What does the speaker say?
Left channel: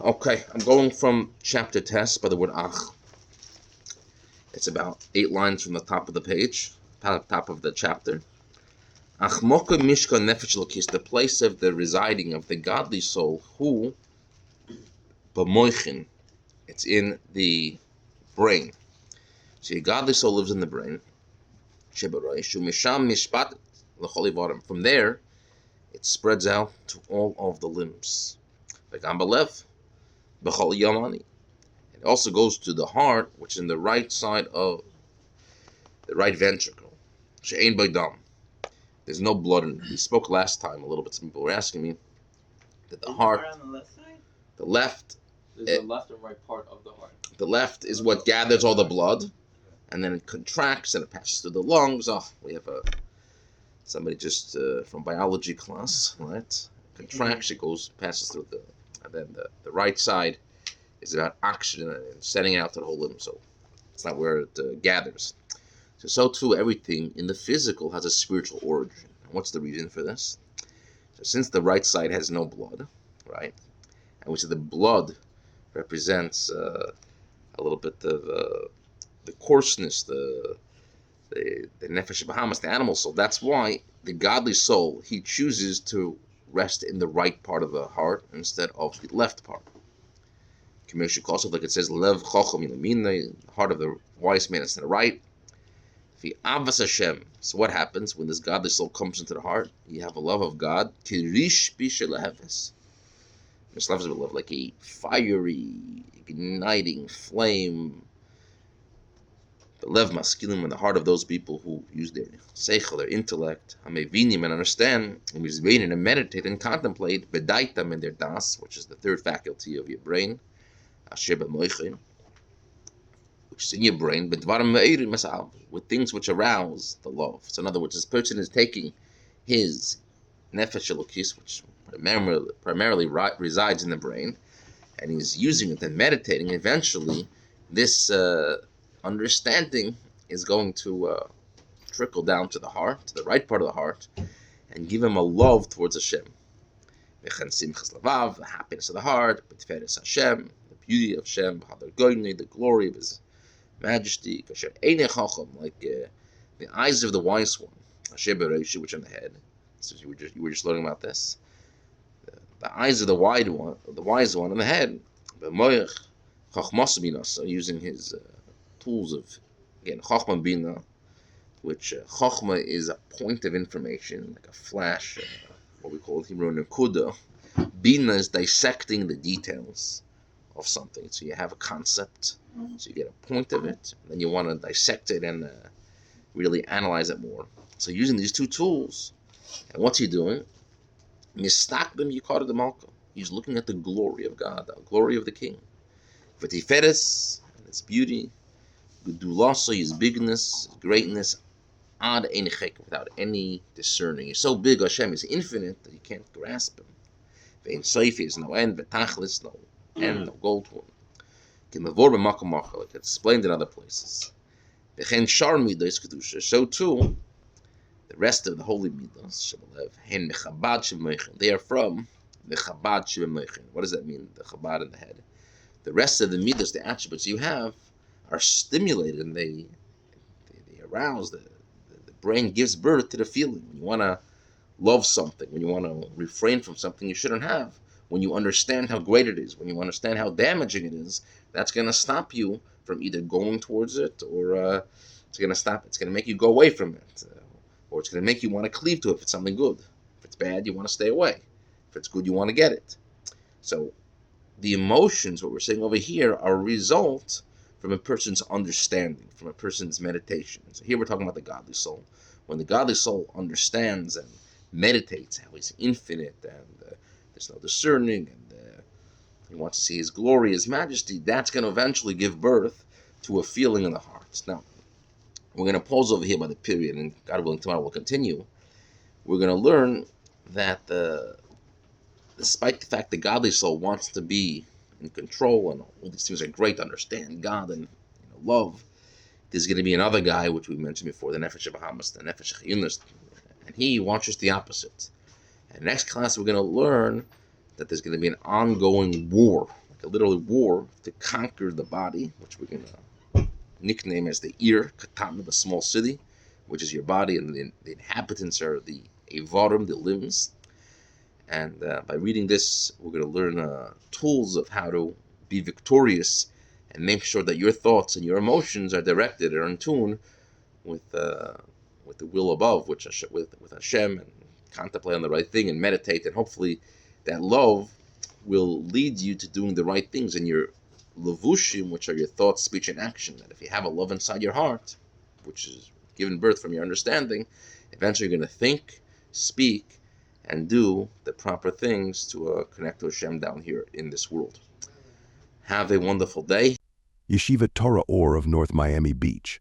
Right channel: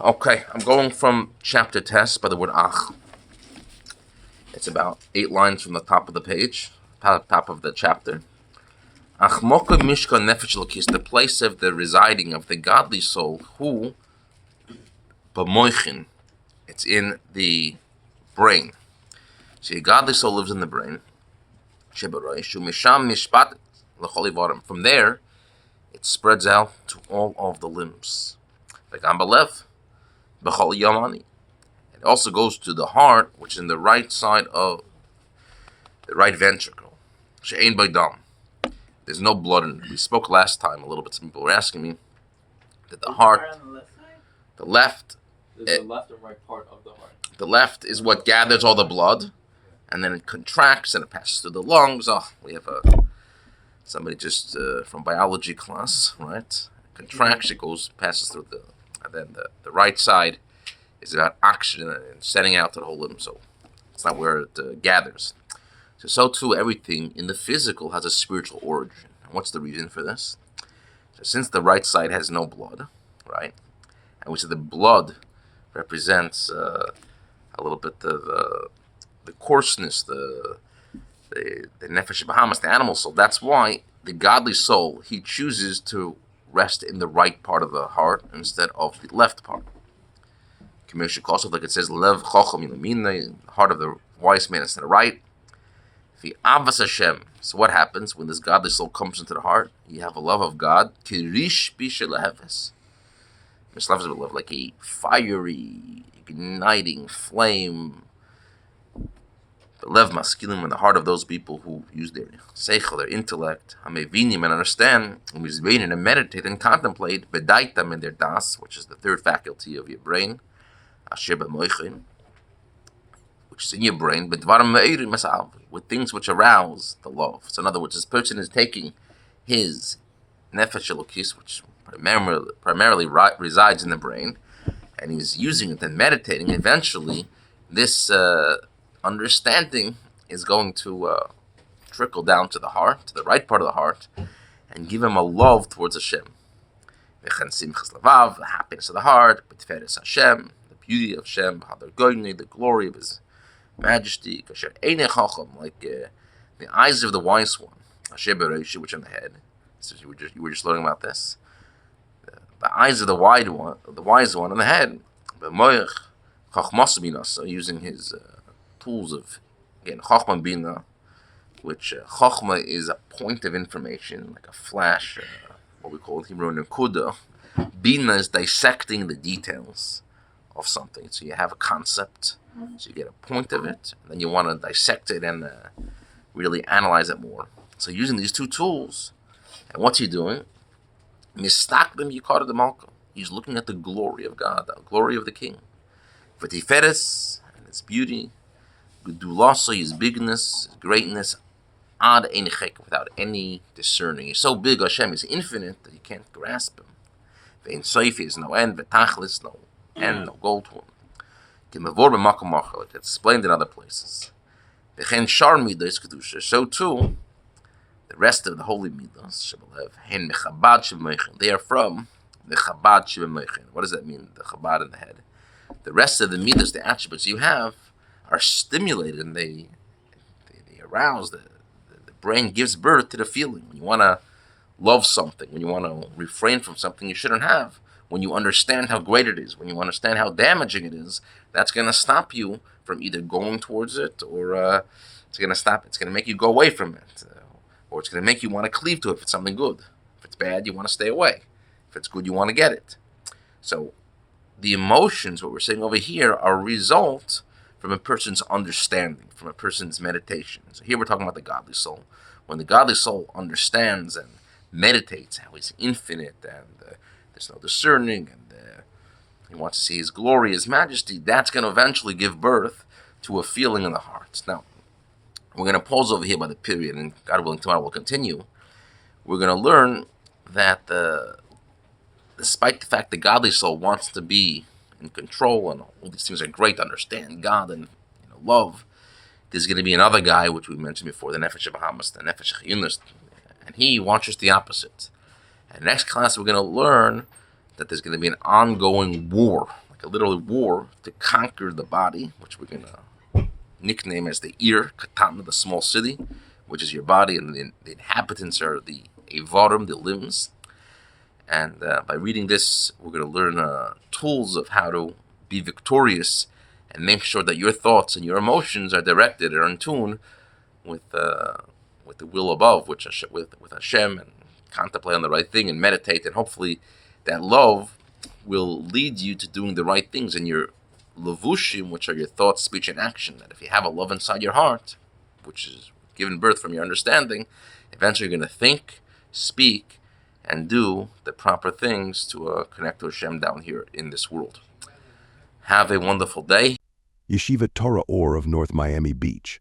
Okay, I'm going from chapter test by the word ach. It's about 8 lines from the top of the page, top of the chapter. Ach moka mishka nefesh lokis, the place of the residing of the godly soul, who b'moichin, it's in the brain. See, a godly soul lives in the brain. Shebaroishu misham mishpat l'chol ivarim. From there, it spreads out to all of the limbs. Like ambalev, b'chol yamani. It also goes to the heart, which is in the right side of the right ventricle. She'ein b'dam. There's no blood in it. We spoke last time a little bit. Some people were asking me that the heart, the left, there's the left and right part of the heart. The left is what gathers all the blood, and then it contracts and it passes through the lungs. Oh, we have somebody just from biology class, right? It contracts, it passes through and then the right side is about oxygen and sending out to the whole limb. So it's not where it gathers. So too, everything in the physical has a spiritual origin. And what's the reason for this? So since the right side has no blood, right, and we said the blood represents a little bit of the coarseness, the nefesh bahamas, the animal soul. That's why the godly soul, he chooses to rest in the right part of the heart instead of the left part. Like it says, lev chacham the heart of the wise man is to the right. Avas Hashem. So what happens when this godly soul comes into the heart? You have a love of God. Kirish bisheleheves. This love is a love like a fiery, igniting flame. The lev maskilim in the heart of those people who use their seichel, their intellect, hamevinim, and understand, and meditate and contemplate, bedaitam in their das, which is the third faculty of your brain, asher b'moichin, which is in your brain, with things which arouse the love. So in other words, this person is taking his nefesh elokis, which primarily resides in the brain, and he's using it and meditating. Eventually, this understanding is going to trickle down to the heart, to the right part of the heart, and give him a love towards Hashem. The happiness of the heart, Hashem, the beauty of Hashem, the glory of His majesty, like the eyes of the wise one, which in the head. So you were just learning about this. The eyes of the wise one in the head. So using his tools of, again, chachma bina, which chachma is a point of information, like a flash, what we call in Hebrew nekuda. Bina is dissecting the details of something. So you have a concept, so you get a point of it, and then you want to dissect it and really analyze it more. So using these two tools, and what's he doing? Mistakbim yikar de malka. He's looking at the glory of God, the glory of the King. V'tiferes, and His beauty, Gedulasa, His bigness, His greatness, ad ein chek, without any discerning. He's so big, Hashem is infinite that you can't grasp Him. Ve'in soif, is no end, ve'tachlis, no end, no goal to Him. Like it's explained in other places. So too, the rest of the holy midas, they are from the Chabad Shebemeichen. What does that mean? The Chabad in the head. The rest of the midas, the attributes you have, are stimulated and they arouse. The brain gives birth to the feeling. When you want to love something, when you want to refrain from something you shouldn't have, when you understand how great it is, when you understand how damaging it is, that's going to stop you from either going towards it or it's going to make you go away from it. Or it's going to make you want to cleave to it if it's something good. If it's bad, you want to stay away. If it's good, you want to get it. So the emotions, what we're saying over here, are a result from a person's understanding, from a person's meditation. So here we're talking about the godly soul. When the godly soul understands and meditates how He's infinite and there's no discerning and he wants to see His glory, His majesty, that's going to eventually give birth to a feeling in the heart. Now, we're going to pause over here by the period, and God willing, tomorrow we'll continue. We're going to learn that despite the fact the godly soul wants to be in control, and all these things are great to understand God and love, there's going to be another guy, which we mentioned before, the Nefesh Bahamas, the Nefesh Chiyunis, and he wants just the opposite. And next class, we're going to learn that there's going to be an ongoing war, a literal war to conquer the body, which we're going to nickname as the Ir, Katana, the small city, which is your body, and the inhabitants are the Evarim, the limbs. And by reading this, we're going to learn tools of how to be victorious and make sure that your thoughts and your emotions are directed or in tune with the will above, with Hashem, and contemplate on the right thing and meditate, and hopefully that love will lead you to doing the right things in your levushim, which are your thoughts, speech, and action. That if you have a love inside your heart, which is given birth from your understanding, eventually you're going to think, speak, and do the proper things to connect to Hashem down here in this world. Have a wonderful day. Yeshiva Torah Ohr of North Miami Beach.